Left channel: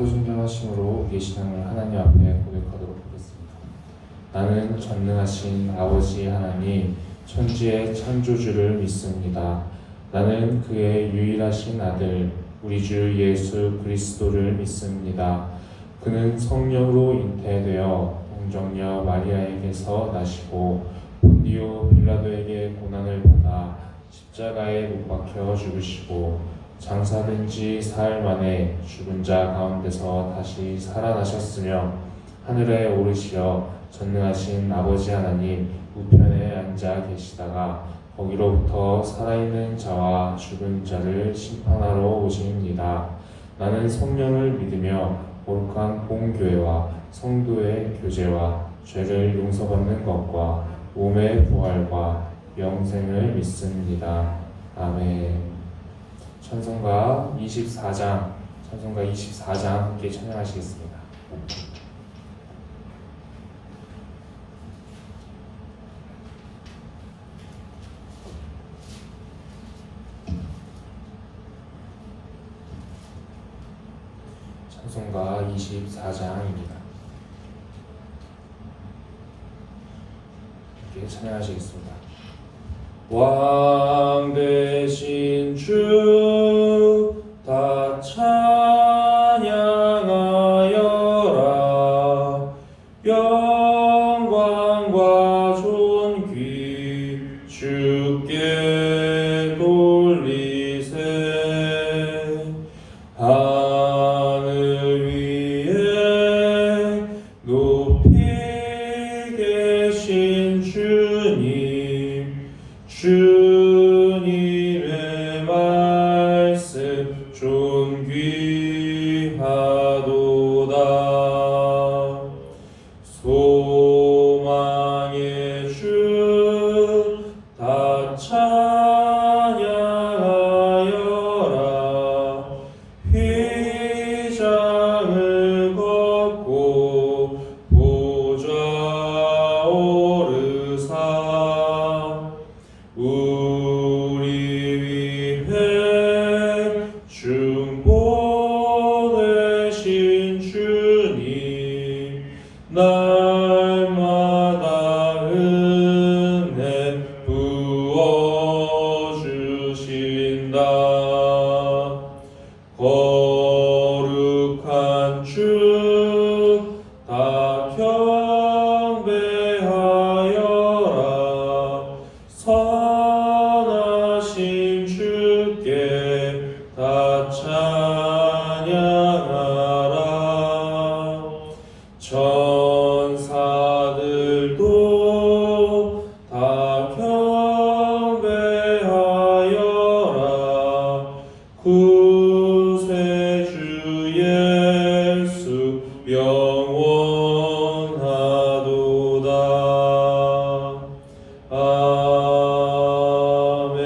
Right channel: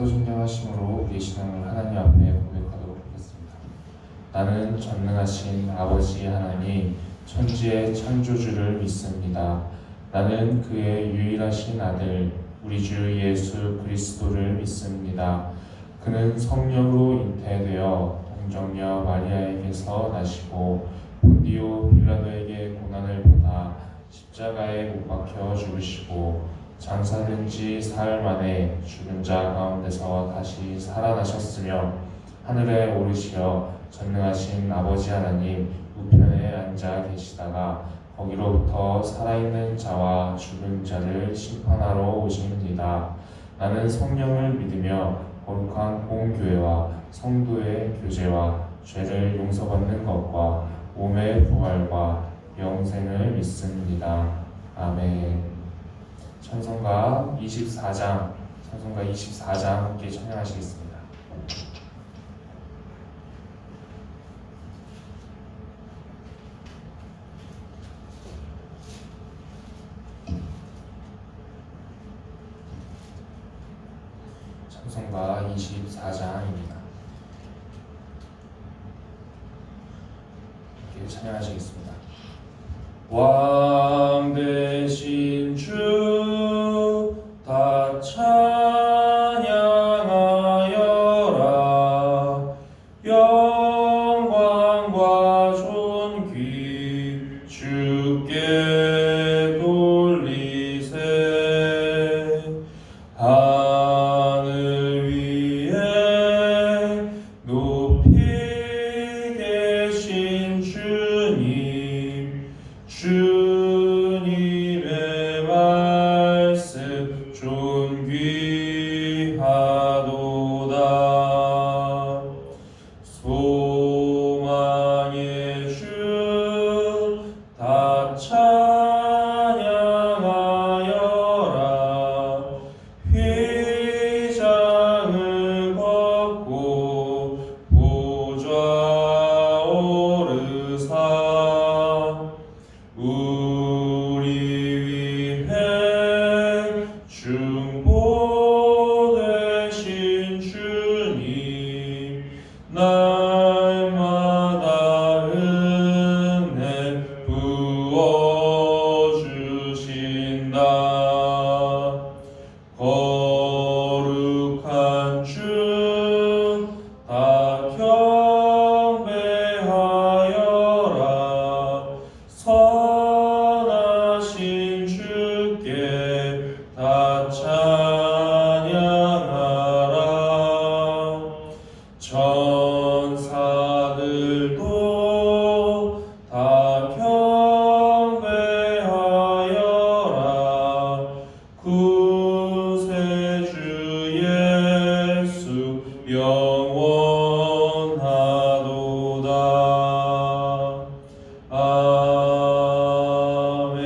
사도신경하심으로 우리의 신앙을 하나님 앞에 고백하도록 하겠습니다. 나는 전능하신 아버지 하나님 천지의 창조주를 믿습니다. 나는 그의 유일하신 아들 우리 주 예수 그리스도를 믿습니다. 그는 성령으로 잉태되어 동정녀 마리아에게서 나시고 본디오 빌라도에게 고난을 받아 십자가에 못 박혀 죽으시고 장사된 지 사흘 만에 죽은 자 가운데서 다시 살아나셨으며 하늘에 오르시어 전능하신 아버지 하나님 우편에 앉아 계시다가 거기로부터 살아있는 자와 죽은 자를 심판하러 오십니다. 나는 성령을 믿으며 거룩한 공교회와 성도의 교제와 죄를 용서받는 것과 몸의 부활과 영생을 믿습니다. 아멘. 찬송가 24장 함께 찬양하시겠습니다. 찬송가 24장입니다. 함께 찬양하시겠습니다. 왕 되신 주 다 찬양하여라. 영광과 존귀 주께 돌리세. 하늘 위에 높이 계신 주님, 주님의 말씀 존귀하도다. 소망의 주 다 찬양하여라. 휘장을 벗고 보좌 오르사 우리 위해 중보되신 주님, 날마다 은혜 부어주신다. 거룩한 주 다 경배하여라. 선하신 주께 다 찬양하라. 천사들도 다 경배하여라. 구세주 예수 영원하도다. 아멘.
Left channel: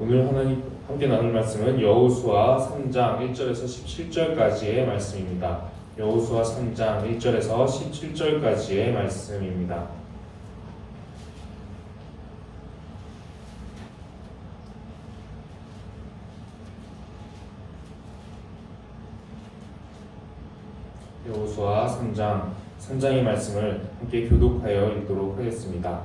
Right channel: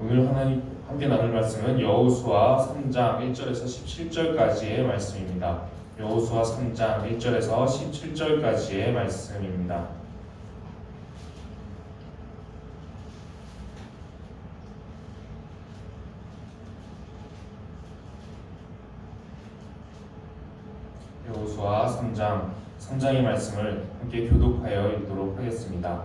오늘 하나님 함께 나눌 말씀은 여호수아 3장 1절에서 17절까지의 말씀입니다. 여호수아 3장 1절에서 17절까지의 말씀입니다. 여호수아 3장의 말씀을 함께 교독하여 읽도록 하겠습니다.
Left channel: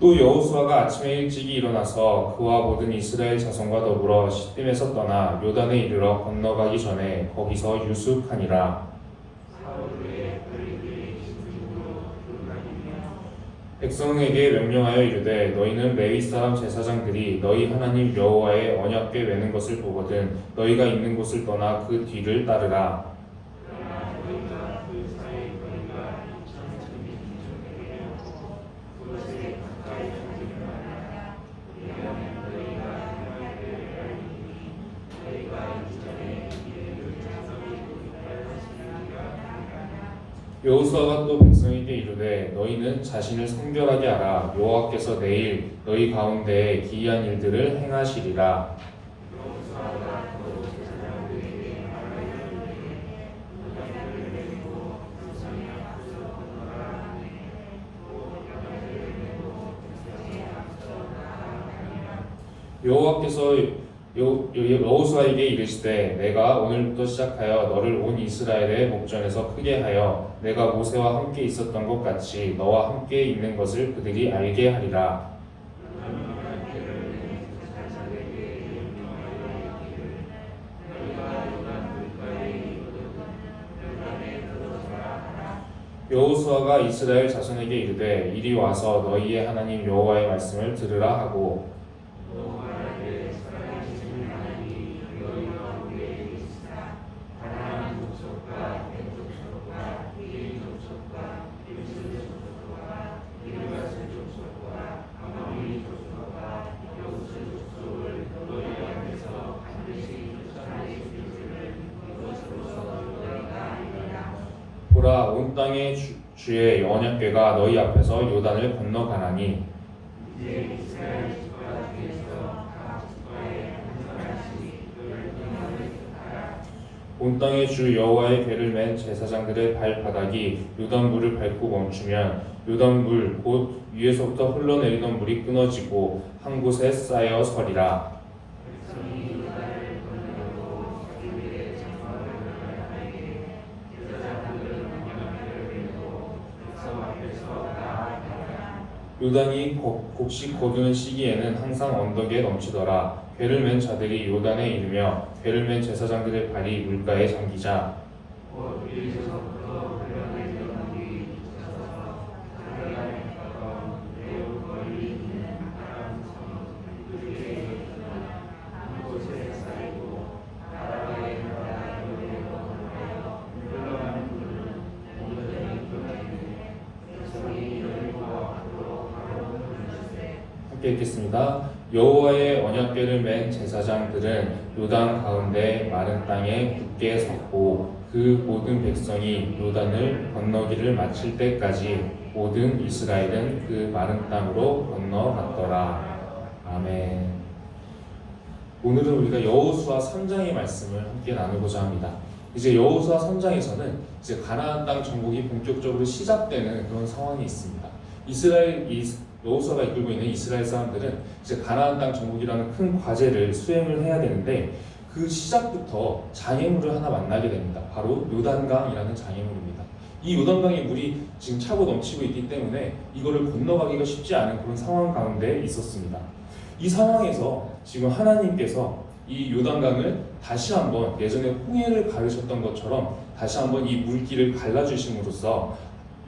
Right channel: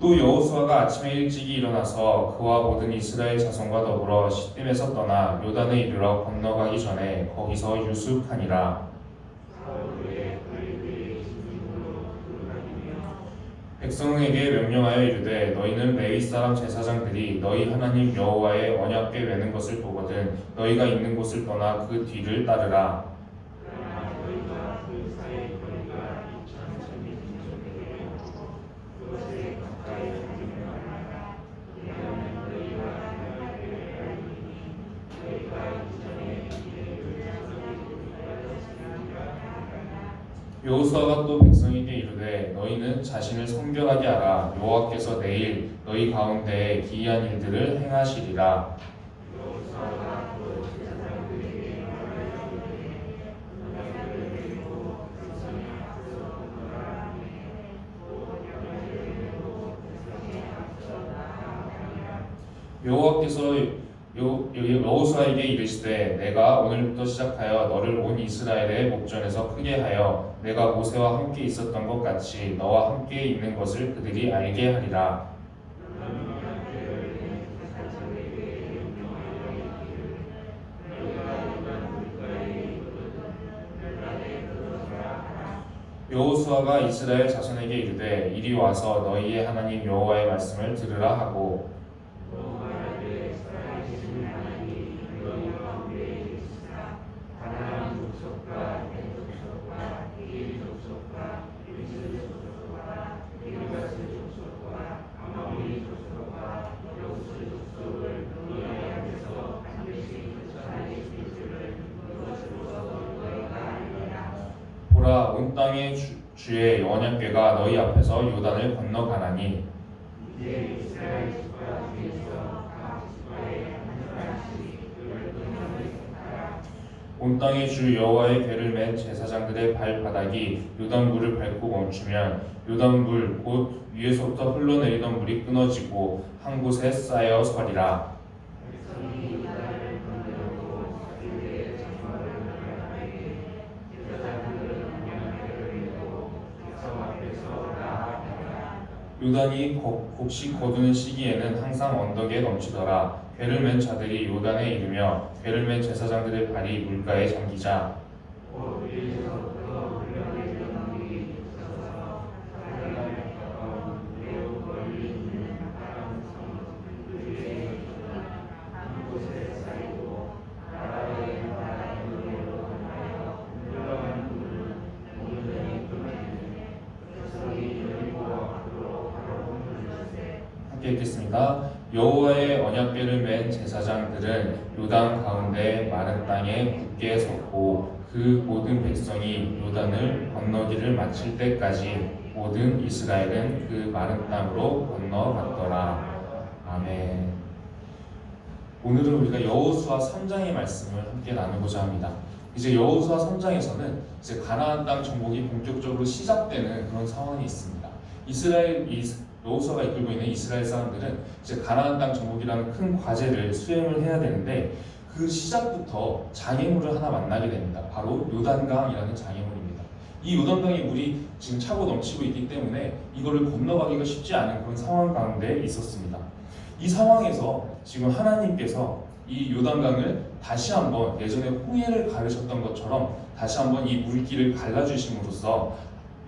또 여호수아가 아침에 일찍이 일어나서 그와 모든 이스라엘 자손과 더불어 시딤에서 떠나 요단에 이르러 건너가기 전에 거기서 유숙하니라. 백성에게 명령하여 이르되 너희는 레위 사람 제사장들이 너희 하나님 여호와의 언약궤 매는 것을 보거든 너희가 있는 곳을 떠나 그 뒤를 따르라. 여호수아가 또 백성에게 이르되 너희는 자신을 성결하게 하라. 여호와께서 내일 너희 가운데에 기이한 일들을 행하시리라. 여호와께서 여호수아에게 이르시되 내가 오늘부터 시작하여 너를 온 이스라엘의 목전에서 크게 하여 내가 모세와 함께 있었던 것 같이 너와 함께 있는 것을 그들이 알게 하리라. 여호수아가 이스라엘 자손에게 이르되 이리 와서 너희의 하나님 여호와의 말씀을 들으라 하고 보라 온 땅의 주의 언약궤가 너희 앞에서 요단을 건너가나니 온 땅의 주 여호와의 궤를 맨 제사장들의 발바닥이 요단물을 밟고 멈추면 요단물 곧 위에서부터 흘러내리던 물이 끊어지고 한 곳에 쌓여 서리라. 요단이 곡식 거두는 시기에는 항상 언덕에 넘치더라. 궤를 맨 자들이 요단에 이르며 궤를 맨 제사장들의 발이 물가에 잠기자 함께 읽겠습니다. 여호와의 언약궤를 맨 제사장들은 요단 가운데 마른 땅에 굳게 섰고 그 모든 백성이 요단을 건너기를 마칠 때까지 모든 이스라엘은 그 마른 땅으로 건너갔더라. 아멘. 오늘은 우리가 여호수아 3장의 말씀을 함께 나누고자 합니다. 이제 여호수아 3장에서는 이제 가나안 땅 정복이 본격적으로 시작되는 그런 상황이 있습니다. 여호수아가 이끌고 있는 이스라엘 사람들은 이제 가나안 땅 정복이라는 큰 과제를 수행을 해야 되는데 그 시작부터 장애물을 하나 만나게 됩니다. 바로 요단강이라는 장애물입니다. 이 요단강의 물이 지금 차고 넘치고 있기 때문에 이거를 건너가기가 쉽지 않은 그런 상황 가운데 있었습니다. 이 상황에서 지금 하나님께서 이 요단강을 다시 한번 예전에 홍해를 가르셨던 것처럼 다시 한번 이 물길을 갈라주심으로써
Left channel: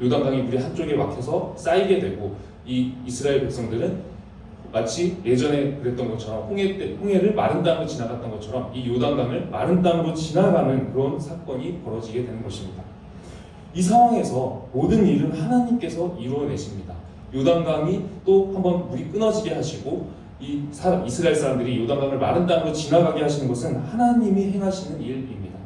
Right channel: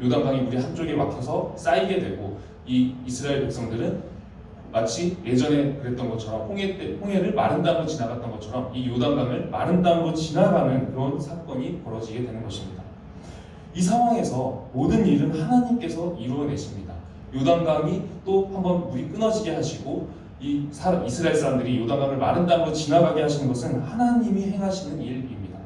요단강의 물이 한쪽에 막혀서 쌓이게 되고 이 이스라엘 백성들은 마치 예전에 그랬던 것처럼 홍해를 마른 땅으로 지나갔던 것처럼 이 요단강을 마른 땅으로 지나가는 그런 사건이 벌어지게 되는 것입니다. 이 상황에서 모든 일은 하나님께서 이루어내십니다. 요단강이 또 한번 물이 끊어지게 하시고 이스라엘 사람들이 요단강을 마른 땅으로 지나가게 하시는 것은 하나님이 행하시는 일입니다.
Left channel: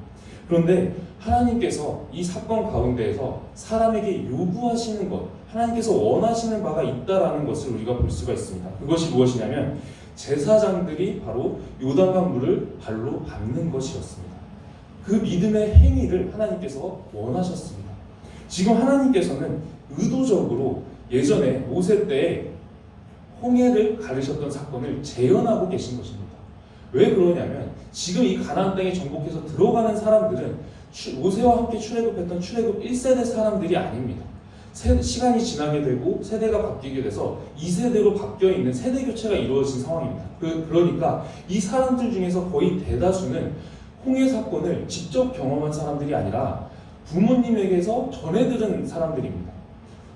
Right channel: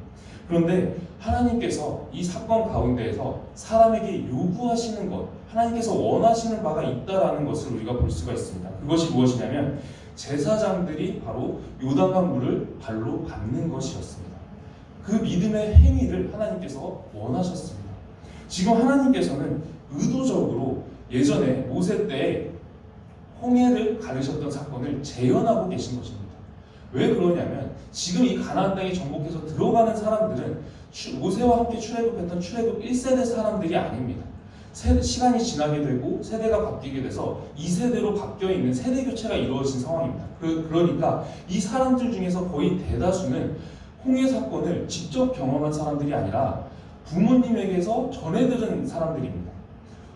그런데 하나님께서 이 사건 가운데에서 사람에게 요구하시는 것, 하나님께서 원하시는 바가 있다라는 것을 우리가 볼 수가 있습니다. 그것이 무엇이냐면 제사장들이 바로 요단강 물을 발로 밟는 것이었습니다. 그 믿음의 행위를 하나님께서 원하셨습니다. 지금 하나님께서는 의도적으로 예전에 모세 때에 홍해를 가르셨던 사건을 재현하고 계신 것입니다. 왜 그러냐면 지금 이 가나안 땅에 정복해서 들어가는 사람들은 모세와 함께 출애굽했던 출애굽 1세대 사람들이 아닙니다. 시간이 지나게 되고 세대가 바뀌게 돼서 2세대로 바뀌어 있는 세대 교체가 이루어진 상황입니다. 그러니까 이 사람들 중에서 거의 대다수는 홍해 사건을 직접 경험한 사람들이 아니라 부모님에게서 전해 들은 사람들입니다.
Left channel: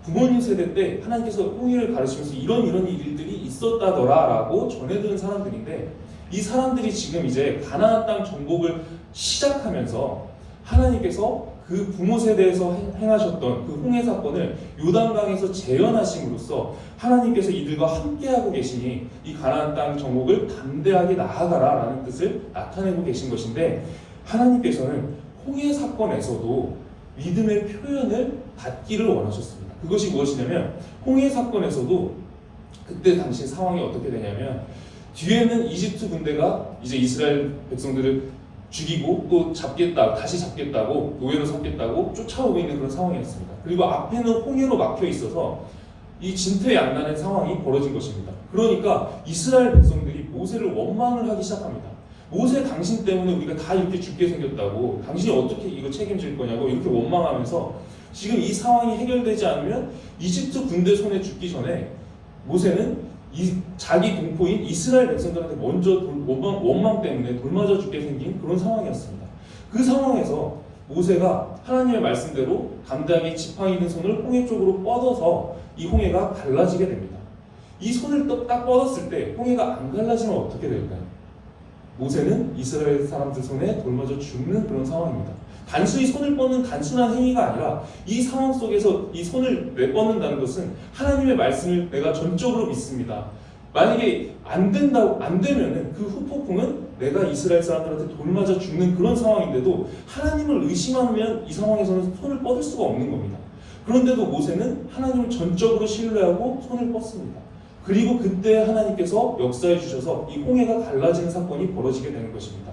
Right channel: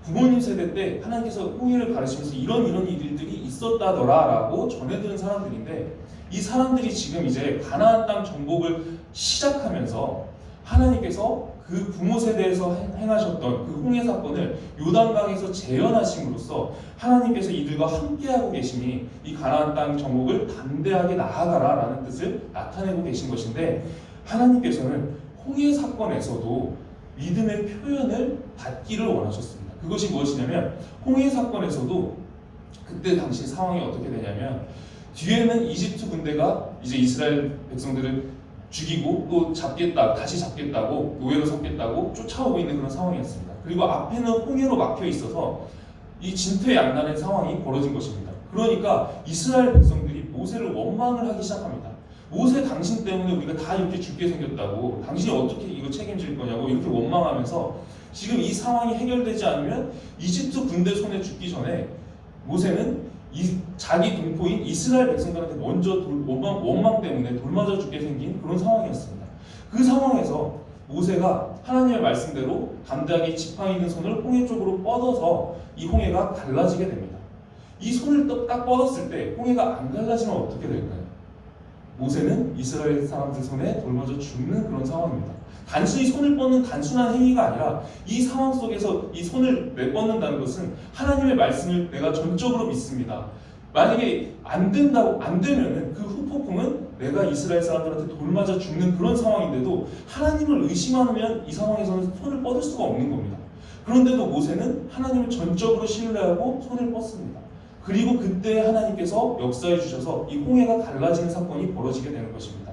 부모님 세대 때 하나님께서 홍해를 가르치면서 이런 일들이 있었다더라라고 전해 들은 사람들인데 이 사람들이 지금 이제 가나안 땅 정복을 시작하면서 하나님께서 그 부모 세대에서 행하셨던 그 홍해 사건을 요단강에서 재현하심으로써 하나님께서 이들과 함께하고 계시니 이 가나안 땅 정복을 담대하게 나아가라라는 뜻을 나타내고 계신 것인데 하나님께서는 홍해 사건에서도 믿음의 표현을 받기를 원하셨습니다. 그것이 무엇이냐면 홍해 사건에서도 그때 당시 상황이 어떻게 되냐면 뒤에는 이집트 군대가 이제 이스라엘 백성들을 죽이고 또 다시 잡겠다고 노예로 삼겠다고 쫓아오고 있는 그런 상황이었습니다. 그리고 앞에는 홍해로 막혀 있어서 이 진퇴양난의 상황이 벌어진 것입니다. 그러니까 이스라엘 백성들이 모세를 원망을 하기 시작합니다. 모세 당신 때문에 우리가 다 이렇게 죽게 생겼다고, 당신이 어떻게 이거 책임질 거냐고 이렇게 원망하면서 지금 이 상황이 해결되지 않으면 이집트 군대 손에 죽기 전에 모세는 자기 동포인 이스라엘 백성들한테 먼저 원망 때문에 돌맞아 죽게 생긴 그런 상황이었습니다. 그 상황에서 모세가 하나님의 말씀대로 담대하게 지팡이 든 손을 홍해 쪽으로 뻗어서 이 홍해가 갈라지게 됩니다. 이 손을 딱 뻗었을 때 홍해가 안 갈라지면 어떻게 될까요? 모세는 이스라엘 사람들 손에 돌맞아 죽는 그런 상황입니다. 단순히 손을 뻗는 단순한 행위가 아니라 이 상황 속에서 이 손을 뻗는다는 것은 하나님의 말씀을 내가 전적으로 믿습니다. 만약에 안 되면은 그 후폭풍은 내가 이스라엘 사람들한테 돌맞아 죽는 그런 상황인데도 하나님을 의심하면 이 상황에서는 손을 뻗을 수가 없는 겁니다. 그런데도 모세는 하나님을 전적으로 신뢰하고 손을 뻗습니다. 그리고 그때 하나님께서 역사해 주셔서 이 홍해가 갈라지는 사건이 벌어지게 되는 것입니다.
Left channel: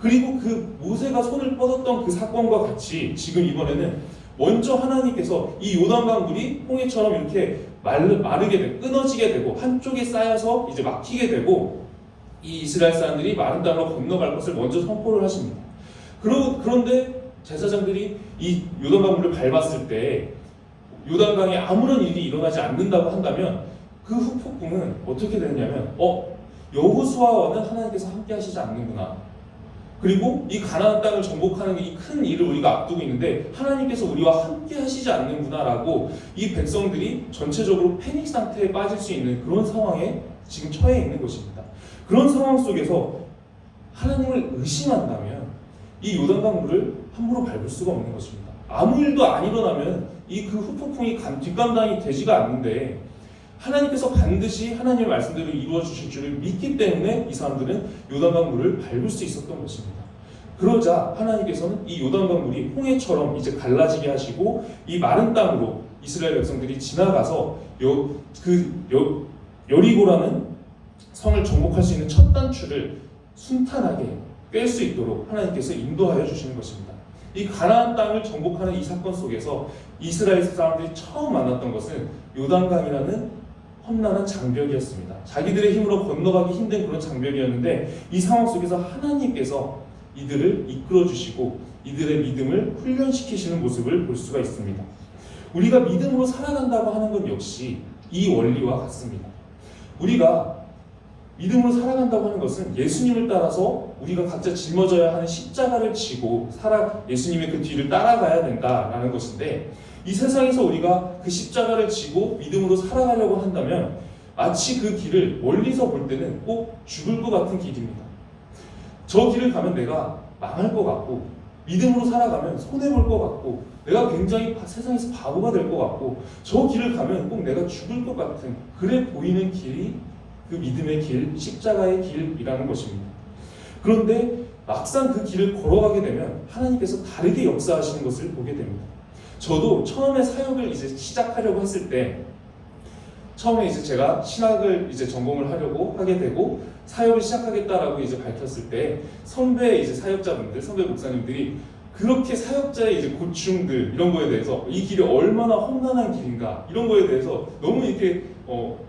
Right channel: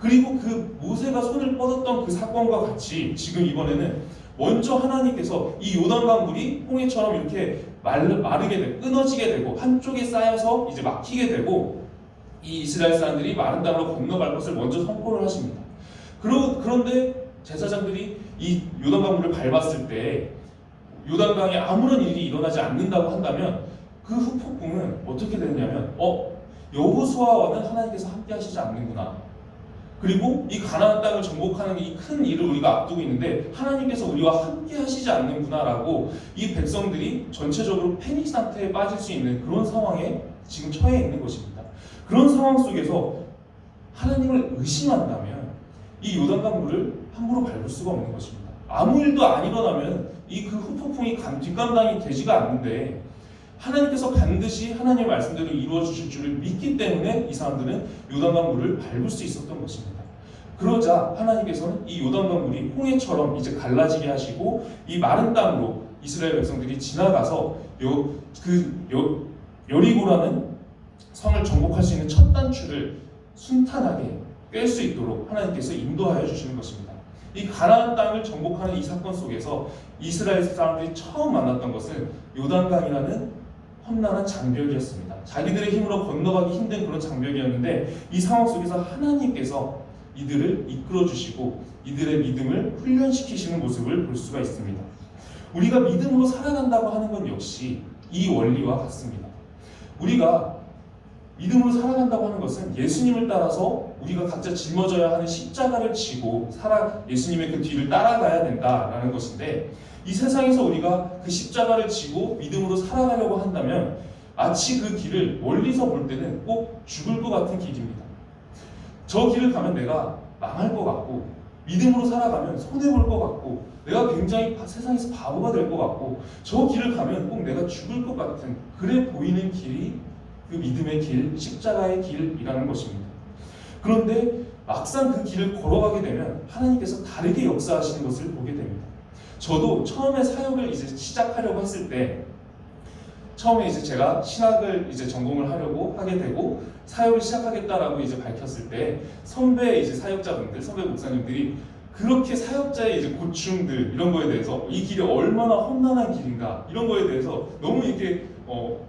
그리고 그 모세가 손을 뻗었던 그 사건과 같이 지금 이번에는 먼저 하나님께서 이 요단강 물이 홍해처럼 이렇게 마르게 되고 끊어지게 되고 한쪽에 쌓여서 이제 막히게 되고 이 이스라엘 사람들이 마른 땅으로 건너갈 것을 먼저 선포를 하십니다. 그런데 제사장들이 이 요단강 물을 밟았을 때 요단강에 아무런 일이 일어나지 않는다고 한다면 그 후폭풍은 어떻게 되냐면 여호수아와는 하나님께서 함께 하시지 않는구나. 그리고 이 가나안 땅을 정복하는 이 큰 일을 우리가 앞두고 있는데 하나님께서 우리와 함께 하시지 않는구나라고 이 백성들이 전체적으로 패닉 상태에 빠질 수 있는 그런 상황에 지금 처해 있는 것입니다. 그런 상황 속에서 하나님을 의심한다면 이 요단강 물을 함부로 밟을 수가 없는 것입니다. 아무 일도 안 일어나면 이 그 후폭풍이 뒷감당이 되지가 않는데 하나님께서 반드시 하나님의 말씀대로 이루어 주실 줄을 믿기 때문에 이 사람들은 요단강 물을 밟을 수 있었던 것입니다. 그러자 하나님께서는 이 요단강 물이 홍해처럼 이제 갈라지게 하시고 이 마른 땅으로 이스라엘 백성들이 지나가서 여리고라는 성을 정복할 수 있는 첫 단추를 순탄하게 꿰 수 있도록 하나님께서 인도하여 주시는 것입니다. 이 가나안 땅을 정복하는 이 사건 속에서 이스라엘 사람들이 처음 만났던 것은 요단강이라는 험난한 장벽이었습니다. 자기들의 힘으로 건너가기 힘든 그런 장벽이었는데 이 상황 속에서 하나님께서 이들을 이끌어 주시고 이들의 믿음을 훈련시키시는 모습을 볼 수가 있습니다. 우리가 믿음으로 살아간다고 하는 것 역시 이 원리와 같습니다. 우리가 믿음으로 살아간다고 하는 것은 예수님을 따라서 우리가 각자 짊어져야 하는 십자가를 지고 예수님의 그 뒤를 따라가야 된다라는 것인데 이 세상에서 우리가 그 십자가를 지고 믿음으로 살아가려고 한다면 마치 그 길을 멀리서 볼 때는 꼭 죽을 것 같은 길입니다. 저 길을 가면 내가 망할 것 같고 믿음으로 살아가면 손해볼 것 같고 내가 굉장히 세상에서 바보가 될 것 같고 저 길을 가면 꼭 내가 죽을 것 같은 그래 보이는 길이 그 믿음의 길, 십자가의 길이라는 것입니다. 그런데 막상 그 길을 걸어가게 되면 하나님께서 다르게 역사하시는 것을 보게 됩니다. 저도 처음에 사역을 이제 시작하려고 했을 때 처음에 이제 제가 신학을 이제 전공을 하려고 하게 되고 사역을 시작하겠다라고 이제 밝혔을 때 선배 이제 사역자분들, 선배 목사님들이 그렇게 사역자의 이제 고충들 이런 거에 대해서 이 길이 얼마나 험난한 길인가 이런 거에 대해서 너무 이렇게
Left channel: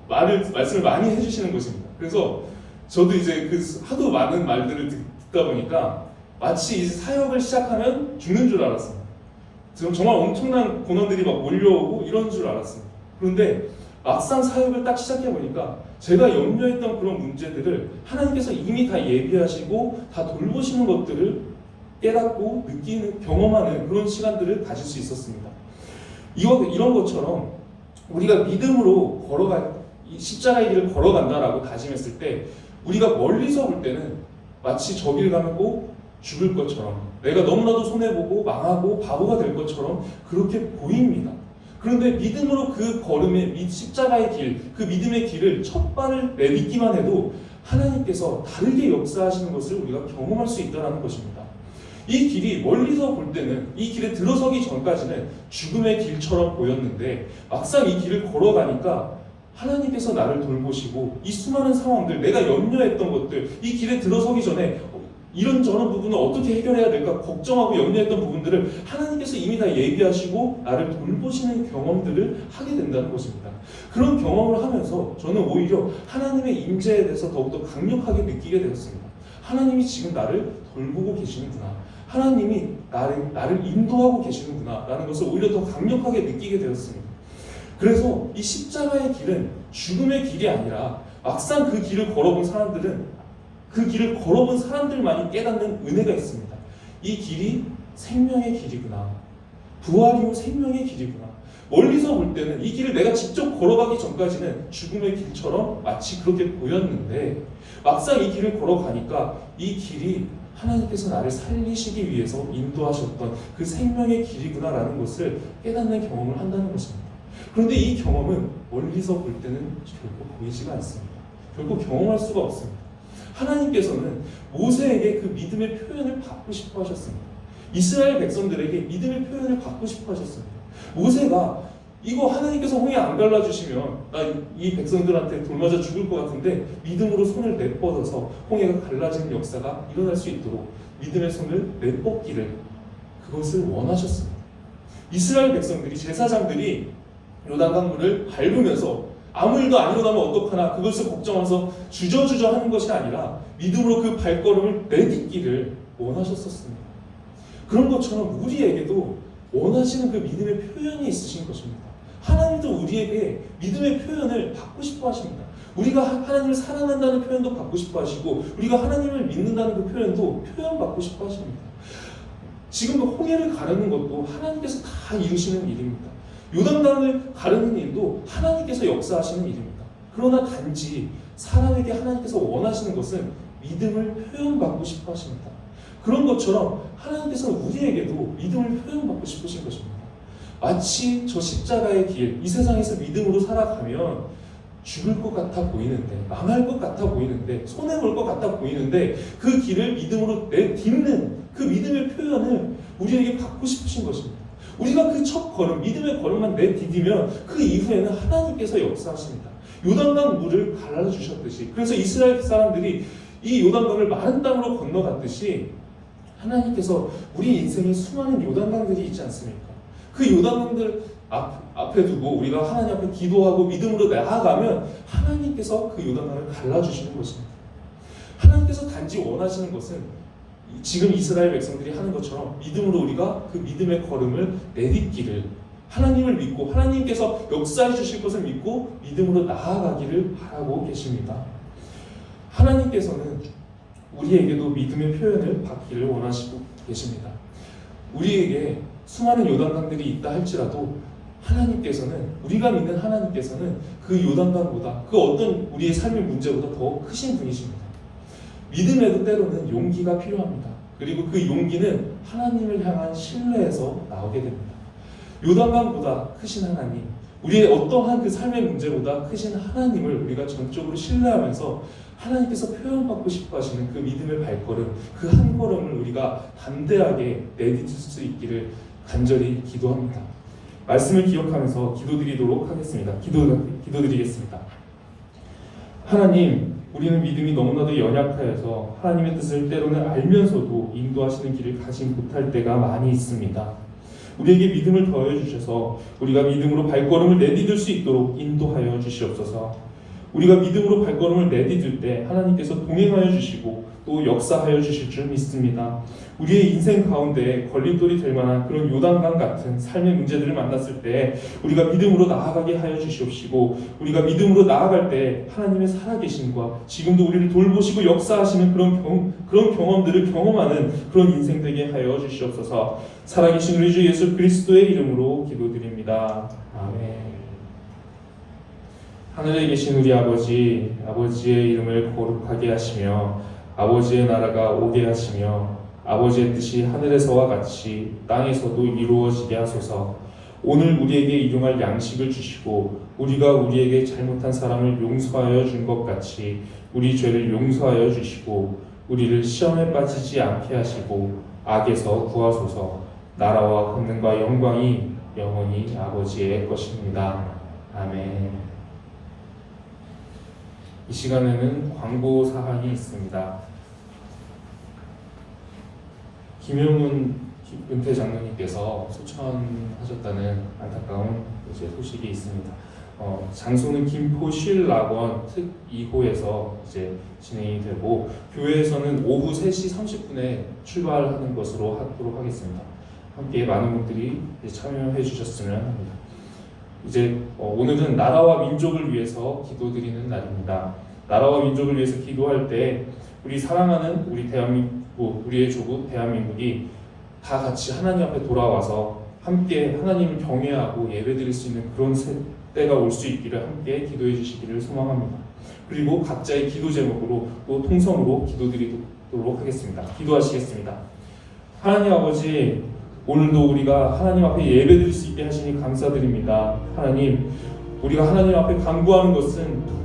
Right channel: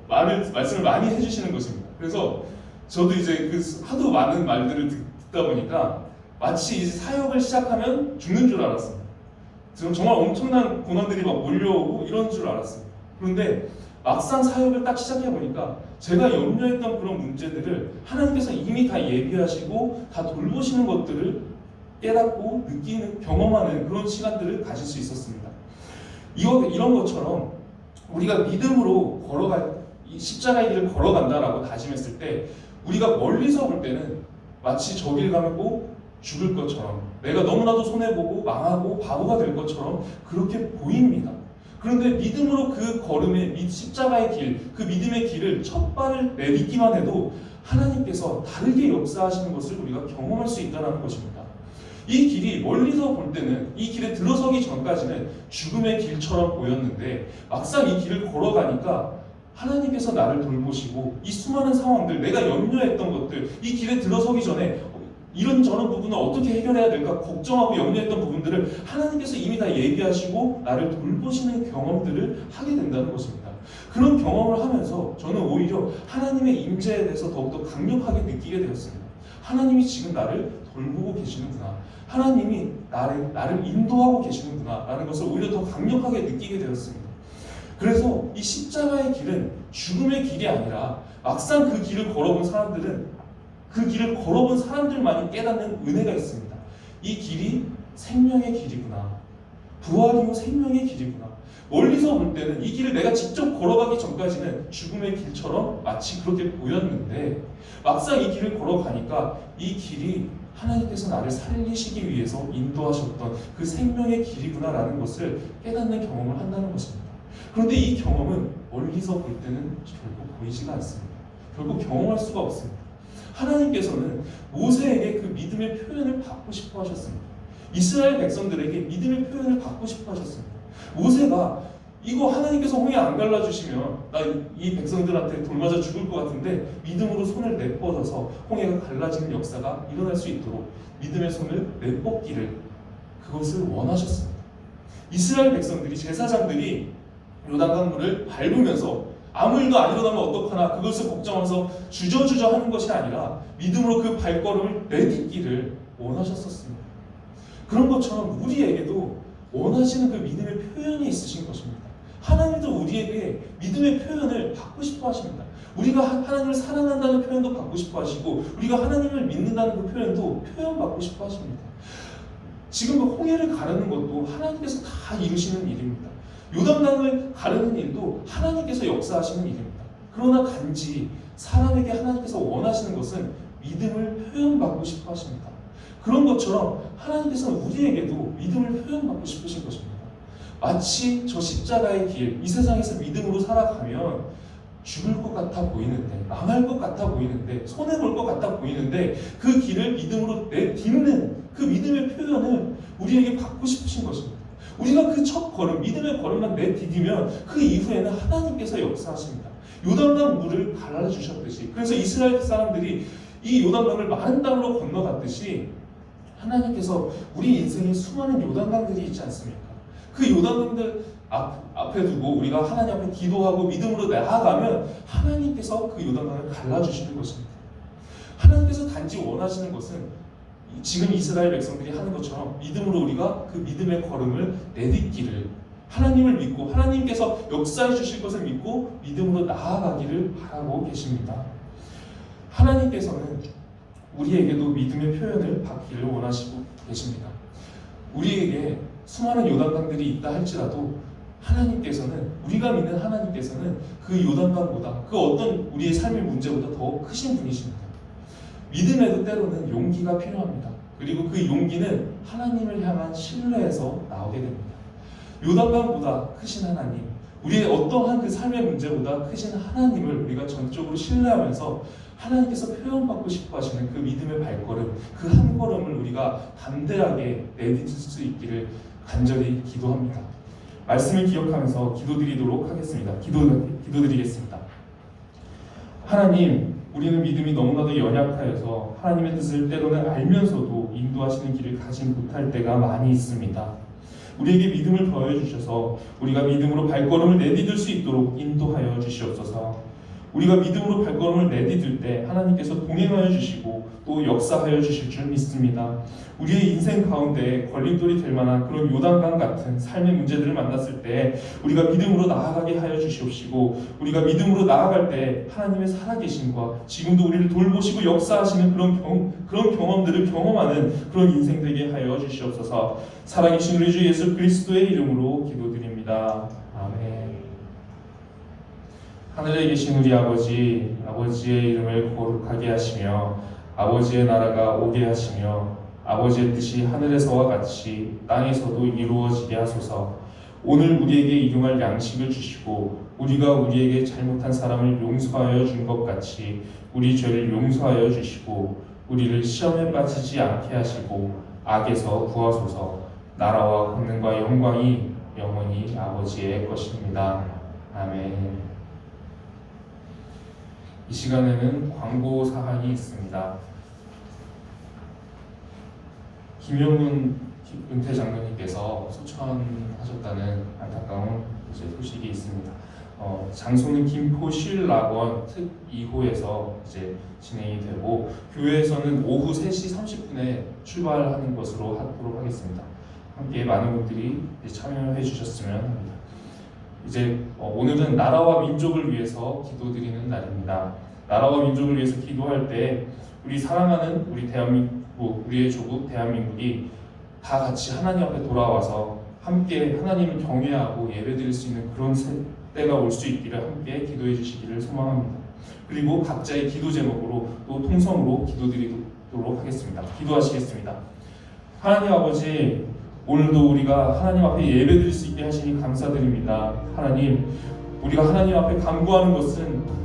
말씀을 많이 해주시는 것입니다. 그래서 저도 이제 그 하도 많은 말들을 듣다 보니까 마치 이제 사역을 시작하면 죽는 줄 알았습니다. 정말 엄청난 고난들이 막 몰려오고 이런 줄 알았습니다. 그런데 막상 사역을 딱 시작해 보니까 제가 염려했던 그런 문제들을 하나님께서 이미 다 예비하시고 다 돌보시는 것들을 깨닫고 느끼는 경험하는 그런 시간들을 가질 수 있었습니다. 이런 것처럼 우리가 믿음으로 이 십자가의 길을 걸어간다라고 다짐했을 때 우리가 멀리서 볼 때는 마치 저 길 가면 꼭 죽을 것처럼 내가 너무나도 손해보고 망하고 바보가 될 것처럼 그렇게 보입니다. 그런데 믿음으로 그 걸음의 십자가의 길, 그 믿음의 길을 첫 발을 내딛기만 해도 하나님께서 다르게 역사하시는 것을 우리가 경험할 수 있다는 것입니다. 이 길이 멀리서 볼 때는 이 길에 들어서기 전까지는 죽음의 길처럼 보였는데 막상 이 길을 걸어가니까 하나님께서 나를 돌보시고 이 수많은 상황들, 내가 염려했던 것들, 이 길에 들어서기 전에 이런저런 부분을 어떻게 해결해야 될까 걱정하고 염려했던 부분들을 하나님께서 이미 다 예비하시고 나를 돌보시는 경험들을 하게 된다는 것입니다. 그런 경험을 하면서 저는 오히려 하나님의 임재에 대해서 더욱더 강력하게 느끼게 되었습니다. 하나님이 지금 나를 돌보고 계시는구나. 하나님이 나를 인도하고 계시는구나 라는 것을 오히려 더 강력하게 느끼게 되었습니다. 그래서 이 십자가의 길은 죽음의 길이 아니라 막상 그 길을 걸어본 사람들만이 깨닫는 은혜가 있습니다. 이 길이 생명의 길이구나. 부활이요 생명의 길이구나. 멀리서 볼 때는 이 길을 내가 직접 걸어가기 전까지는 죽음의 길처럼 마치 그렇게 보였는데 막상 이 길을 걸어가니까 이 길이 하나님께서 나를 살리시기 위해서 인도하셨던 그 생명의 길이구나라는 것을 깨닫는 경험을 한다는 것입니다. 그런데 이 경험은 멀리서 볼 때는 결국 보이지가 않습니다. 결국 경험할 수가 없습니다. 하나님께서는 모세에게 그 믿음의 표현을 받고 싶어 하셨습니다. 이스라엘 백성들에게 믿음의 표현을 받고 싶어 하셨습니다. 모세가 이거 하나님께서 홍해 안 갈라주시면 나 이 백성들한테 돌맞아 죽을 것 같은데 믿음으로 손을 내뻗어서 홍해가 갈라지는 역사가 일어날 수 있도록 믿음의 손을 내뻗기를 그것을 원하셨습니다. 이스라엘 백성들이 제사장들이 요단강물을 밟으면서 아무 일도 안 일어나면 어떡하나 그것을 걱정하면서 주저주저 하는 것이 아니라 믿음으로 그 발걸음을 내딛기를 원하셨었습니다. 그런 것처럼 우리에게도 원하시는 그 믿음의 표현이 있으신 것입니다. 하나님도 우리에게 믿음의 표현을 받고 싶어 하십니다. 우리가 하나님을 사랑한다는 표현도 받고 싶어 하시고 우리가 하나님을 믿는다는 그 표현도 표현받고 싶어 하십니다. 지금 그 홍해를 가르는 것도 하나님께서 다 이루시는 일입니다. 요단강을 가르는 일도 하나님께서 역사하시는 일입니다. 그러나 단지 사람에게 하나님께서 원하시는 것은 믿음을 표현받고 싶어 하십니다. 그런 것처럼 하나님께서는 우리에게도 믿음을 표현받고 싶으신 것입니다. 마치 저 십자가의 길, 이 세상에서 믿음으로 살아가면 죽을 것 같아 보이는데, 망할 것 같아 보이는데, 손해볼 것 같아 보이는데 그 길을 믿음으로 내딛는 그 믿음의 표현을 우리에게 받고 싶으신 것입니다. 우리가 그 첫 걸음, 믿음의 걸음만 내디디면 그 이후에는 하나님께서 역사하십니다. 요단강 물을 갈라주셨듯이, 그래서 이스라엘 사람들이 이 요단강을 마른 땅으로 건너갔듯이 하나님께서 우리 인생에 수많은 요단강들이 있지 않습니까? 그 요단강들 앞에 두고 우리가 하나님 앞에 기도하고 믿음으로 나아가면 하나님께서 그 요단강을 갈라주시는 것입니다. 하나님께서 단지 원하시는 것은 지금 이스라엘 백성들이 하는 것처럼 믿음으로 우리가 그 믿음의 걸음을 내딛기를, 하나님을 믿고 하나님께서 역사해 주실 것을 믿고 믿음으로 나아가기를 바라고 계십니다. 하나님께서는 우리에게도 믿음의 표현을 받기를 원하시고 계십니다. 우리에게 수많은 요단강들이 있다 할지라도 하나님께서는, 우리가 믿는 하나님께서는 그 요단강보다, 그 어떤 우리의 삶의 문제보다 더 크신 분이십니다. 믿음에도 때로는 용기가 필요합니다. 그리고 그 용기는 하나님을 향한 신뢰에서 나오게 됩니다. 요단강보다 크신 하나님, 우리의 어떠한 그 삶의 문제보다 크신 하나님을 우리가 전적으로 신뢰하면서 하나님께서 표현받고 싶어 하시는 그 믿음의 발걸음, 그 한 걸음을 우리가 담대하게 내딛을 수 있기를 간절히 기도합니다. 말씀을 기억하면서 기도드리도록 하겠습니다. 기도드리겠습니다. 하나님, 우리는 믿음이 너무나도 연약하여서 하나님의 뜻을 때로는 알면서도 인도하시는 길을 가지 못할 때가 많이 있습니다. 우리에게 믿음을 더해 주셔서 우리가 믿음으로 발걸음을 내디딜 수 있도록 인도하여 주시옵소서. 우리가 믿음으로 발걸음을 내디딜 때 하나님께서 동행하여 주시고 또 역사하여 주실 줄 믿습니다. 우리의 인생 가운데 걸림돌이 될 만한 그런 요단강 같은 삶의 문제들을 만났을 때 우리가 믿음으로 나아가게 하여 주시옵시고, 우리가 믿음으로 나아갈 때 하나님의 살아계심과 지금도 우리를 돌보시고 역사하시는 그런 경험들을 경험하는 그런 인생 되게 하여 주시옵소서. 살아계신 우리 주 예수 그리스도의 이름으로 기도드립니다. 아멘. 하늘에 계신 우리 아버지, 아버지의 이름을 거룩하게 하시며 아버지의 나라가 오게 하시며 아버지의 뜻이 하늘에서와 같이 땅에서도 이루어지게 하소서. 오늘 우리에게 일용할 양식을 주시고 우리가 우리에게 잘못한 사람을 용서하여 준 것 같이 우리 죄를 용서하여 주시고 우리를 시험에 빠지지 않게 하시고 악에서 구하소서. 나라와 권능과 영광이 영원히 아버지의 것입니다. 아멘. 이 시간에는 광고 사항이 있습니다. 김영문 은퇴 장로님께서 소천하셨다는 안타까운 소식이 있습니다. 장소는 김포 신락원 특 2호에서 이제 진행이 되고 교회에서는 오후 3시 30분에 출발하는 것으로 하도록 하겠습니다. 함께 많은 분들이 참여해 주셨으면 합니다. 이제 오늘은 나라와 민족을 위해서 기도드리는 날입니다. 나라와 민족을 위해서 기도할 때 우리 사랑하는 우리 대한민국, 우리의 조국 대한민국이 다 같이 하나님 앞에 돌아와서 함께 하나님을 경외하고 예배드릴 수 있는 그런 때가 올 수 있기를 함께 기도해 주시기를 소망합니다. 그리고 각자의 기도 제목으로 또 통성으로 기도드리도록 하겠습니다. 기도하시겠습니다. 하나님 아버지, 오늘도 우리가 하나님 앞에 예배드릴 수 있게 하시니 감사드립니다. 하나님, 우리가 하나님 앞에 간구하는 것은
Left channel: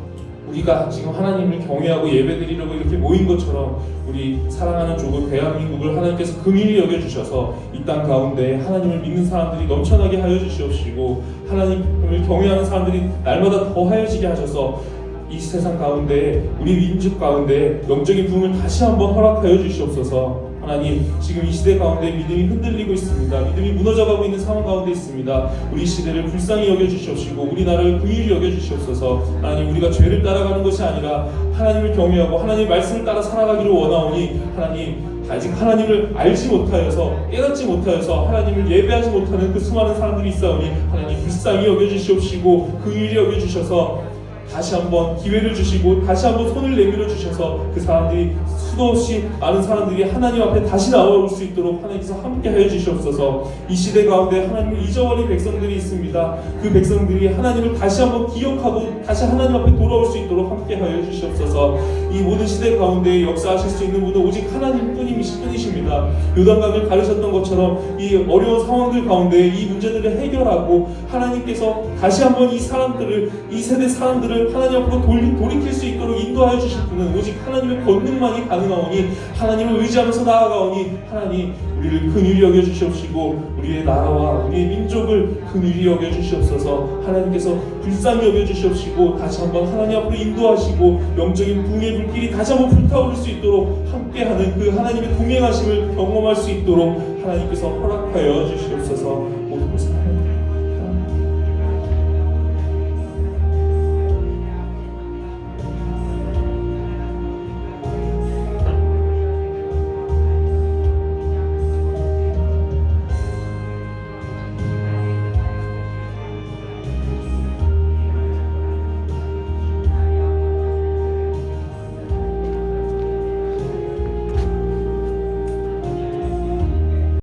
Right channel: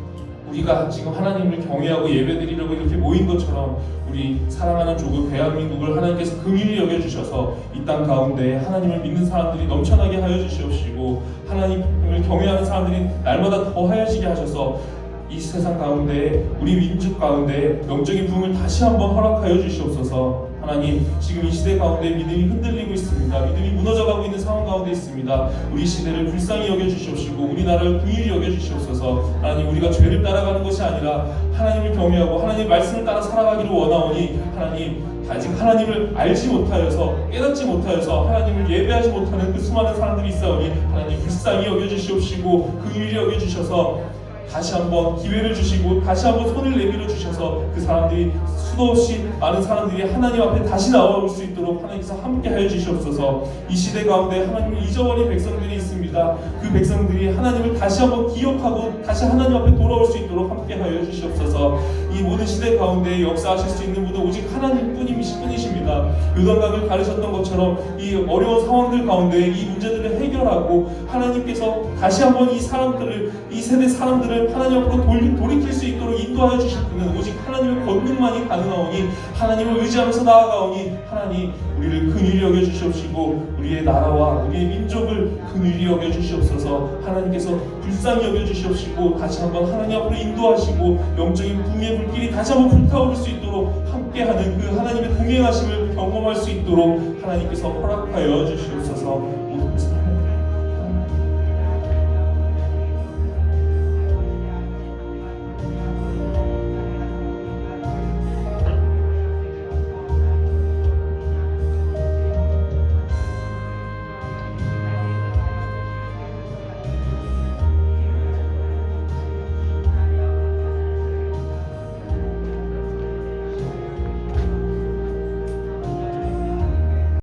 우리가 지금 하나님을 경외하고 예배드리려고 이렇게 모인 것처럼 우리 사랑하는 조국 대한민국을 하나님께서 긍휼히 여겨주셔서 이 땅 가운데 하나님을 믿는 사람들이 넘쳐나게 하여 주시옵시고 하나님을 경외하는 사람들이 날마다 더 하여지게 하셔서 이 세상 가운데 우리 민족 가운데 영적인 부흥을 다시 한번 허락하여 주시옵소서. 하나님, 지금 이 시대 가운데 믿음이 흔들리고 있습니다. 믿음이 무너져가고 있는 상황 가운데 있습니다. 우리 시대를 불쌍히 여겨주시옵시고 우리나라를 긍휼히 여겨주시옵소서. 하나님, 우리가 죄를 따라가는 것이 아니라 하나님을 경외하고 하나님의 말씀을 따라 살아가기를 원하오니 하나님, 아직 하나님을 알지 못하여서 깨닫지 못하여서 하나님을 예배하지 못하는 그 수많은 사람들이 있사오니 하나님 불쌍히 여겨주시옵시고 긍휼히 여겨주셔서 다시 한번 기회를 주시고 다시 한번 손을 내밀어 주셔서 그 사람들이 수도 없이 많은 사람들이 하나님 앞에 다시 나올 수 있도록 하나님께서 함께 하여 주시옵소서. 이 시대 가운데 하나님을 잊어버린 백성들이 있습니다. 그 백성들이 하나님을 다시 한번 기억하고 다시 하나님 앞에 돌아올 수 있도록 함께 하여 주시옵소서. 이 모든 시대 가운데 역사하실 수 있는 분은 오직 하나님 뿐이십니다. 요단강을 가르셨던 것처럼 이 어려운 상황들 가운데 이 문제들을 해결하고 하나님께서 다시 한번 이 사람들을, 이 세대 사람들을 하나님 앞으로 돌이킬 수 있도록 인도하여 주실 분은 오직 하나님의 권능만이 가능하오니 하나님을 의지하면서 나아가오니 하나님, 우리를 긍휼히 여겨주시옵시고 우리의 나라와 우리의 민족을 긍휼히 여겨주시옵소서. 하나님께서 불쌍히 여겨주시옵시고 다시 한번 하나님 앞으로 인도하시고 영적인 붕의 불길이 다시 한번 불타오를 수 있도록 함께하는 그 하나님의 동행하심을 경험할 수 있도록 하나님께서 허락하여 주시옵소서. 모든 것을